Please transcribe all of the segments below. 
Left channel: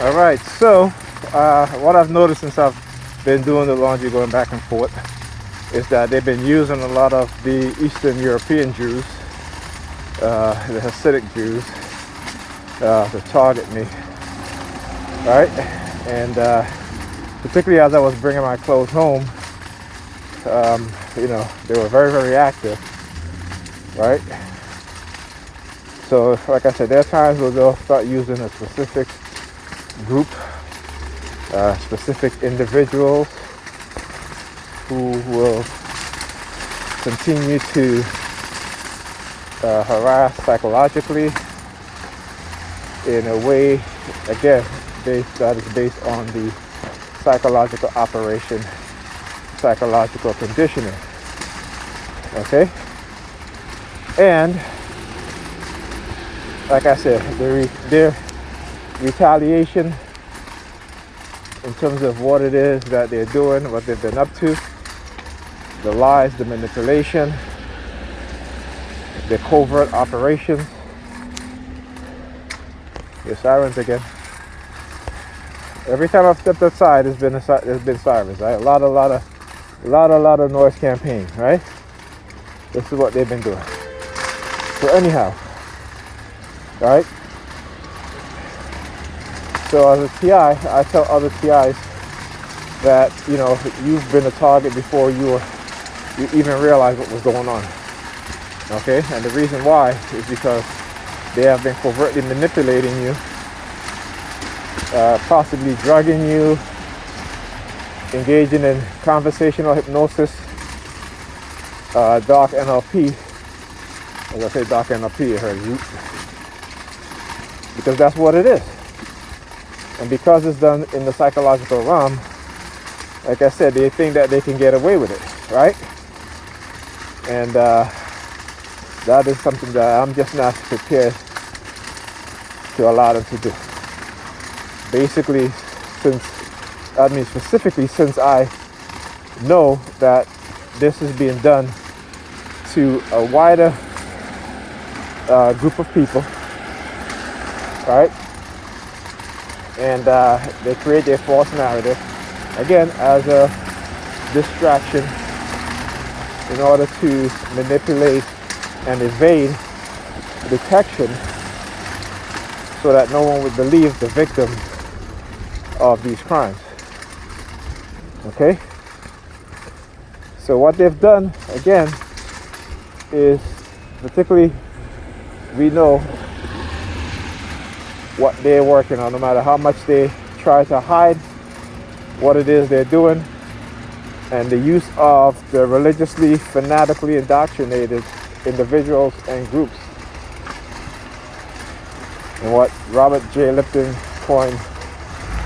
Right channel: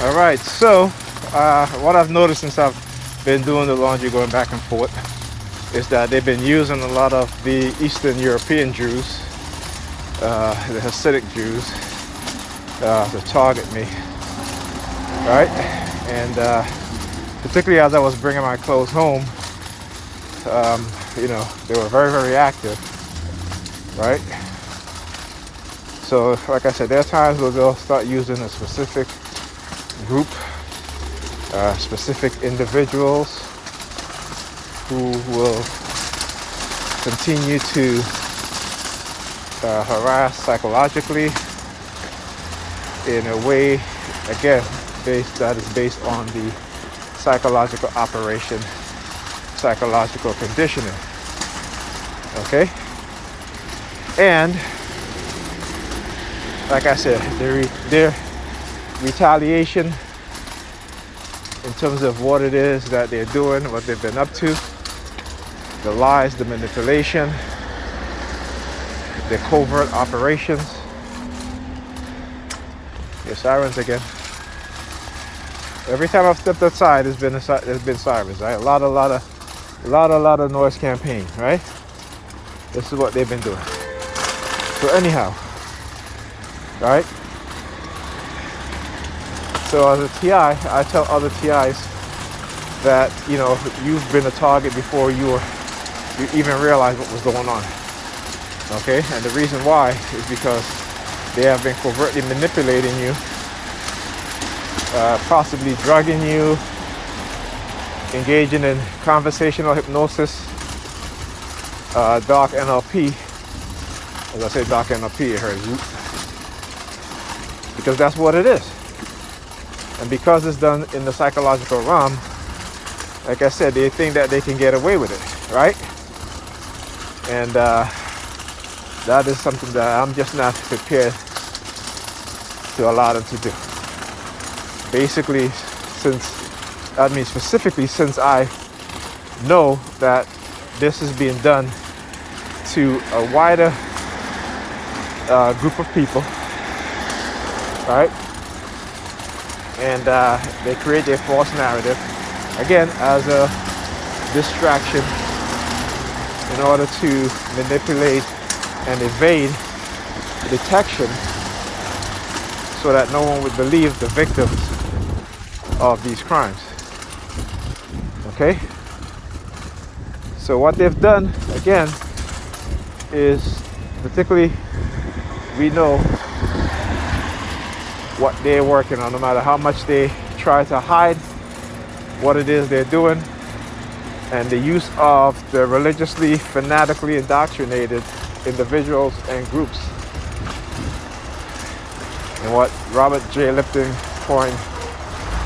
All right, so what I've noticed since I've been doing the laundry going back and forth is that they've been using a lot of the Eastern European Jews, the Hasidic Jews, to target me, right? And particularly as I was bringing my clothes home, they were very, very active, right? So, like I said, there are times where they'll start using a specific group, specific individuals who will continue to harass psychologically in a way, again, that is based on the psychological operation, psychological conditioning. Okay? And like I said, their retaliation in terms of what it is that they're doing, what they've been up to, the lies, the manipulation, the covert operations. The sirens again. Every time I've stepped outside, there's been sirens, right? A lot of noise campaign, right? This is what they've been doing. So anyhow, right? So as a TI, I tell other TIs that, you've been a target before you even realized what was going on. Okay? And the reason why is because they have been covertly manipulating you, possibly drugging you, engaging in conversational hypnosis, dark NLP. As I say dark NLP, it hurts you. Because that's what it is. And because it's done in the psychological realm, like I said, they think that they can get away with it, right? And that is something that I'm just not prepared to allow them to do. Basically, specifically since I know that this is being done to a wider group of people, right? And they create their false narrative, again, as a distraction in order to manipulate and evade detection so that no one would believe the victims of these crimes. Okay? So what they've done, again, is particularly we know what they're working on, no matter how much they try to hide what it is they're doing, and the use of the religiously, fanatically indoctrinated individuals and groups. And what Robert J. Lipton coined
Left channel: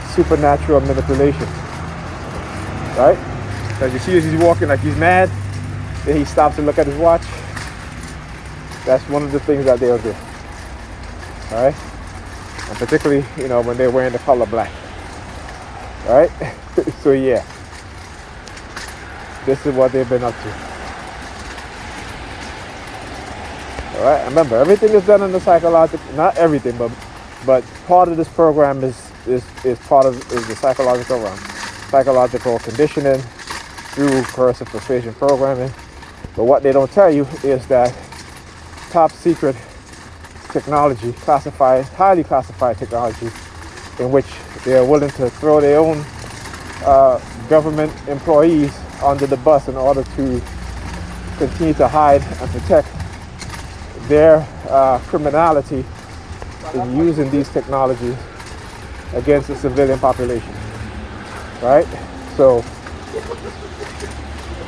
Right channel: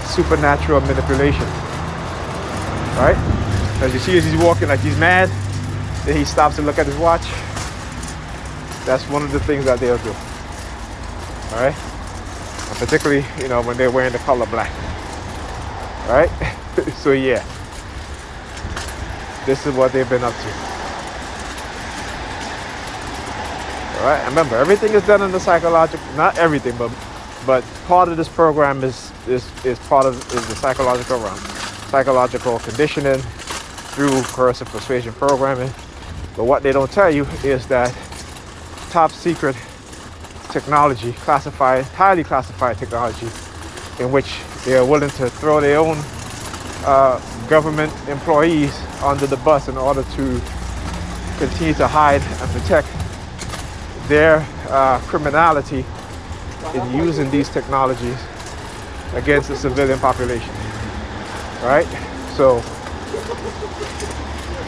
supernatural manipulation. Right? As you see as he's walking like he's mad, then he stops to look at his watch. That's one of the things that they'll do. Alright? And particularly, when they're wearing the color black. Alright? So yeah. This is what they've been up to. Alright? Remember, everything is done in the psychological, not everything, but part of this program is the psychological realm. Psychological conditioning through coercive persuasion programming. But what they don't tell you is that top secret technology, highly classified technology, in which they are willing to throw their own government employees under the bus in order to continue to hide and protect their criminality in using these technologies against the civilian population. Right? So,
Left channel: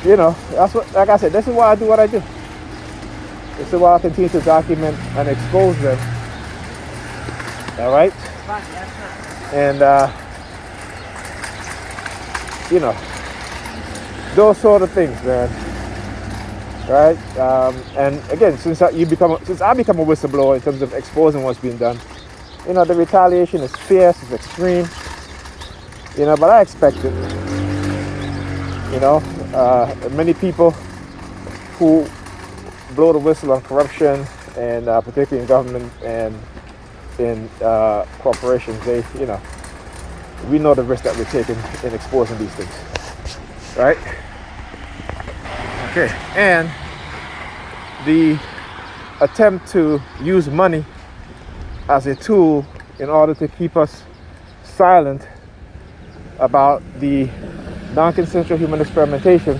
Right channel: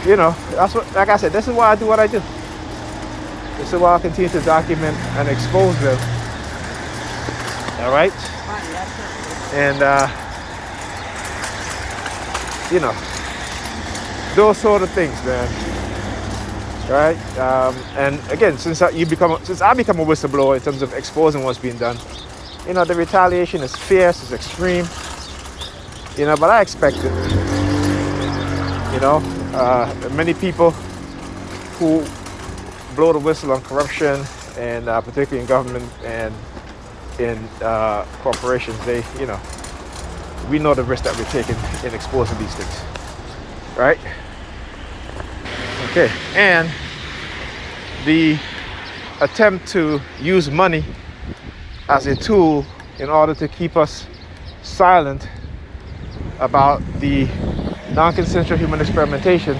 that's what, like I said, this is why I do what I do. This is why I'll continue to document and expose them. All right? And, those sort of things, man. Right? And again, since I become a whistleblower in terms of exposing what's being done, the retaliation is fierce, it's extreme. But I expect it. Many people who blow the whistle on corruption, and particularly in government and in corporations, we know the risk that we're taking in exposing these things, right? Okay, and the attempt to use money as a tool in order to keep us silent about the non-consensual human experimentation,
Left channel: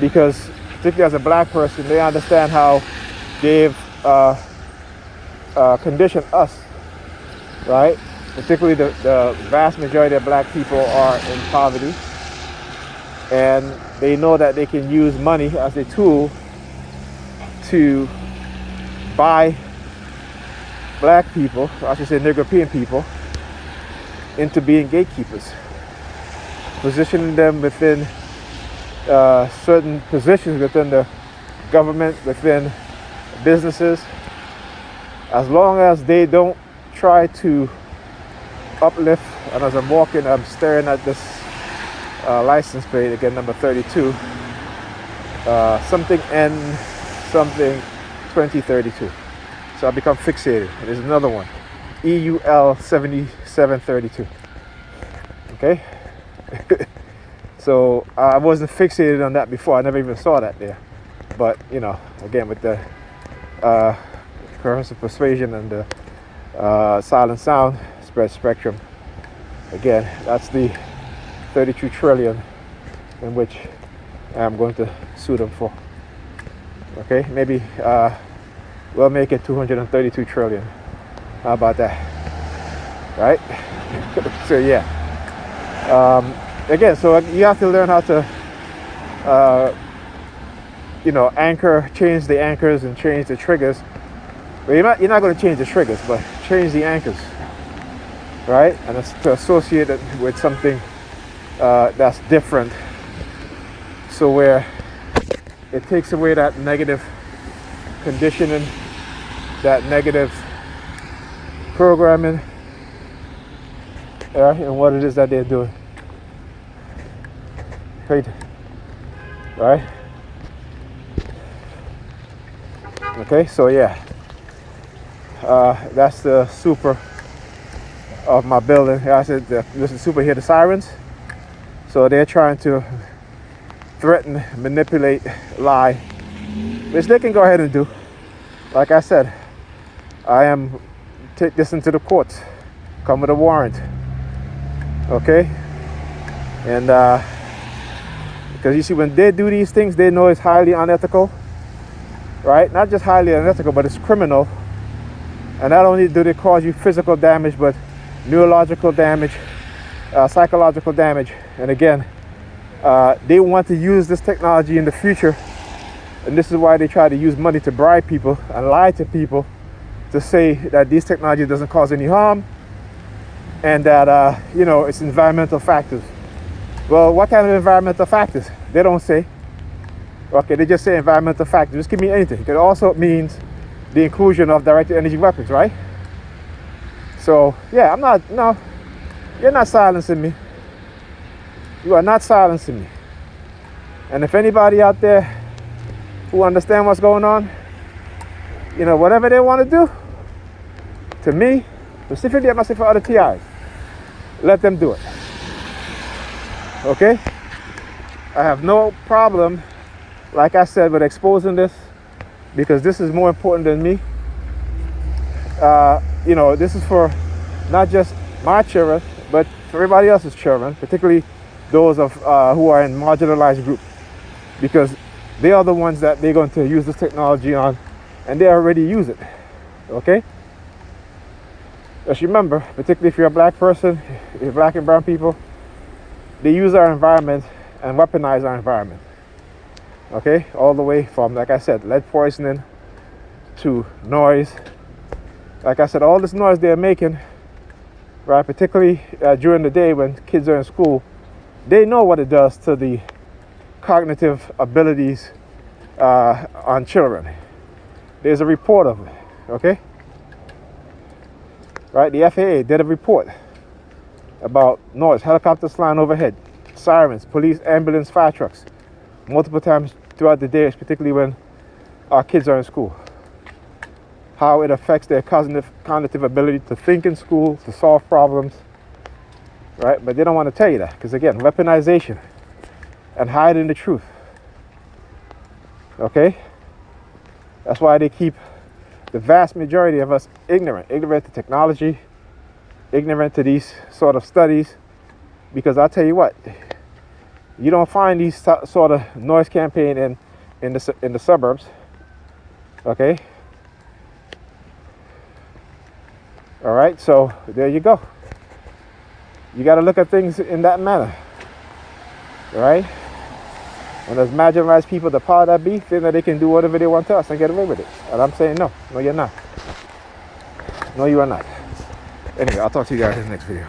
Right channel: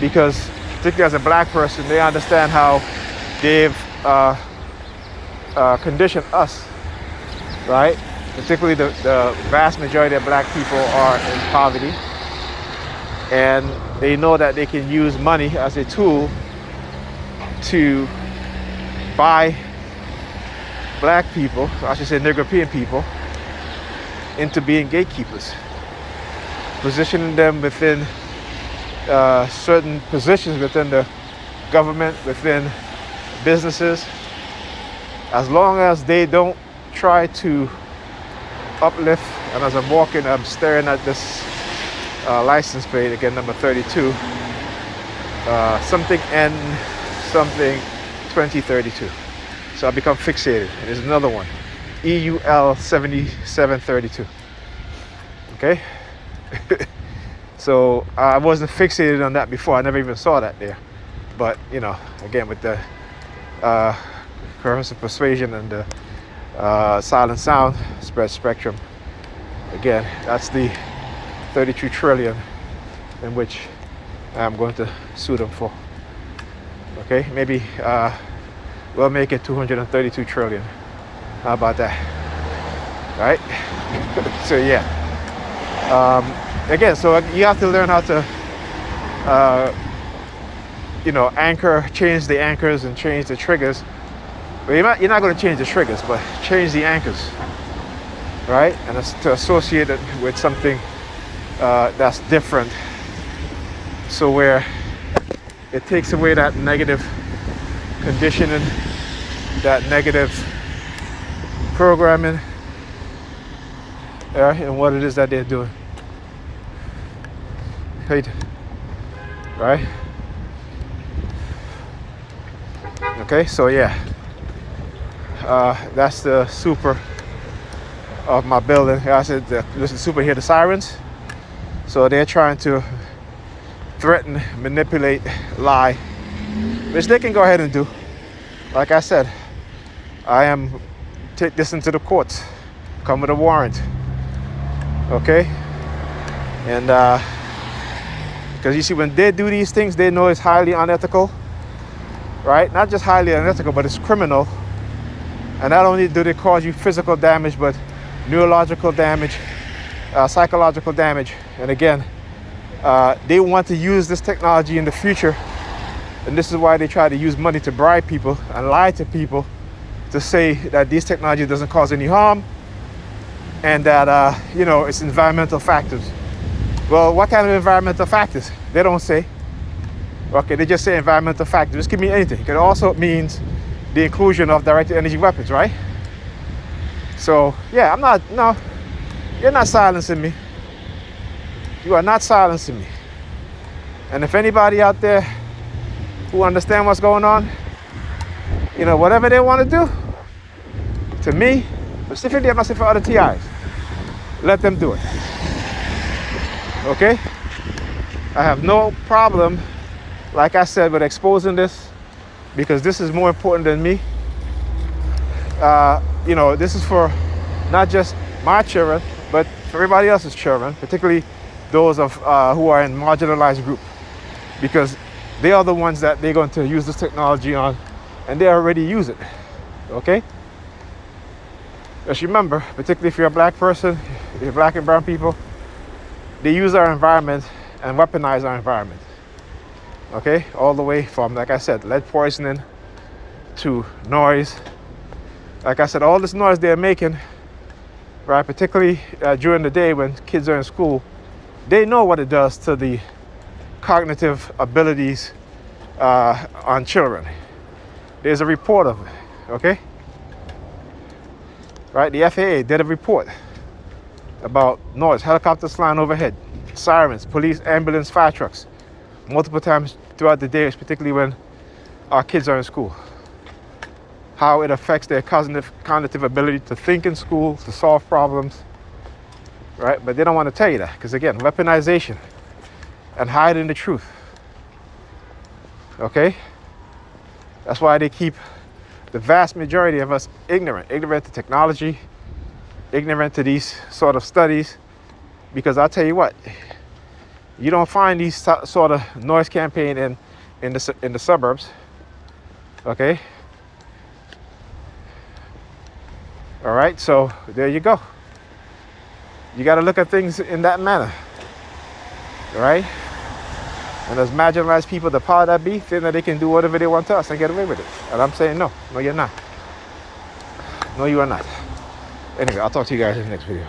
because particularly as a black person, they understand how they've conditioned us, right? Particularly the vast majority of black people are in poverty, and they know that they can use money as a tool to buy black people, I should say European people, into being gatekeepers, positioning them within certain positions within the government, within businesses, as long as they don't try to uplift. And as I'm walking, I'm staring at this license plate again, number 32, something N something 2032. So I become fixated. There's another one, EUL 7732. Okay. So I wasn't fixated on that before. I never even saw that there. But you know, again, with the coercive persuasion and the silent sound spread spectrum, again, that's the 32 trillion in which I'm going to sue them for. Okay, maybe we'll make it 232 trillion. How about that? Right? So yeah. Again, so you have to learn how to you know, change the anchors and change the triggers. Well, you're not going to change the triggers, but change the anchors, right? And it's to associate it with something that's different, so where it takes away that negative conditioning, that negative programming, and what it is that they're doing. Right? Okay, so yeah, that's the super of my building. I said that this is super, hear the sirens. So they're trying to threaten, manipulate, lie, which they can go ahead and do. Like I said, I am take this into the courts, come with a warrant. Okay, and because you see, when they do these things, they know it's highly unethical, right? Not just highly unethical, but it's criminal. And not only do they cause you physical damage, but neurological damage, psychological damage. And again, they want to use this technology in the future, and this is why they try to use money to bribe people and lie to people to say that this technology doesn't cause any harm, and that you know, it's environmental factors. Well, what kind of environmental factors? They don't say. Okay, they just say environmental factors. This could mean anything. It also means the inclusion of directed energy weapons, right? So yeah, no, you're not silencing me. You are not silencing me. And if anybody out there who understand what's going on, you know, whatever they want to do to me, specifically, I'm not saying for other TIs, let them do it. Okay? I have no problem, like I said, with exposing this, because this is more important than me. You know, this is for not just my children, but for everybody else's children, particularly those of who are in marginalized group, because they are the ones that they're going to use this technology on, and they already use it. Okay? Just remember, particularly if you're a black person, if you're black and brown people, they use our environment and weaponize our environment. Okay? All the way from, like I said, lead poisoning to noise. Like I said, all this noise they're making, right, particularly during the day when kids are in school, they know what it does to the cognitive abilities on children. There's a report of it, okay? Right, the FAA did a report about noise, helicopters flying overhead, sirens, police, ambulance, fire trucks, multiple times throughout the day, particularly when our kids are in school. How it affects their cognitive ability to think in school, to solve problems, right? But they don't want to tell you that because, again, weaponization and hiding the truth. Okay? That's why they keep the vast majority of us ignorant to technology, ignorant to these sort of studies, because I'll tell you what, you don't find these sort of noise campaign in the suburbs. Okay? All right, so there you go. You got to look at things in that manner. All right? And those marginalized people, the power that be, think that they can do whatever they want to us and get away with it. And I'm saying no, you're not. No, you are not. Anyway, I'll talk to you guys in the next video.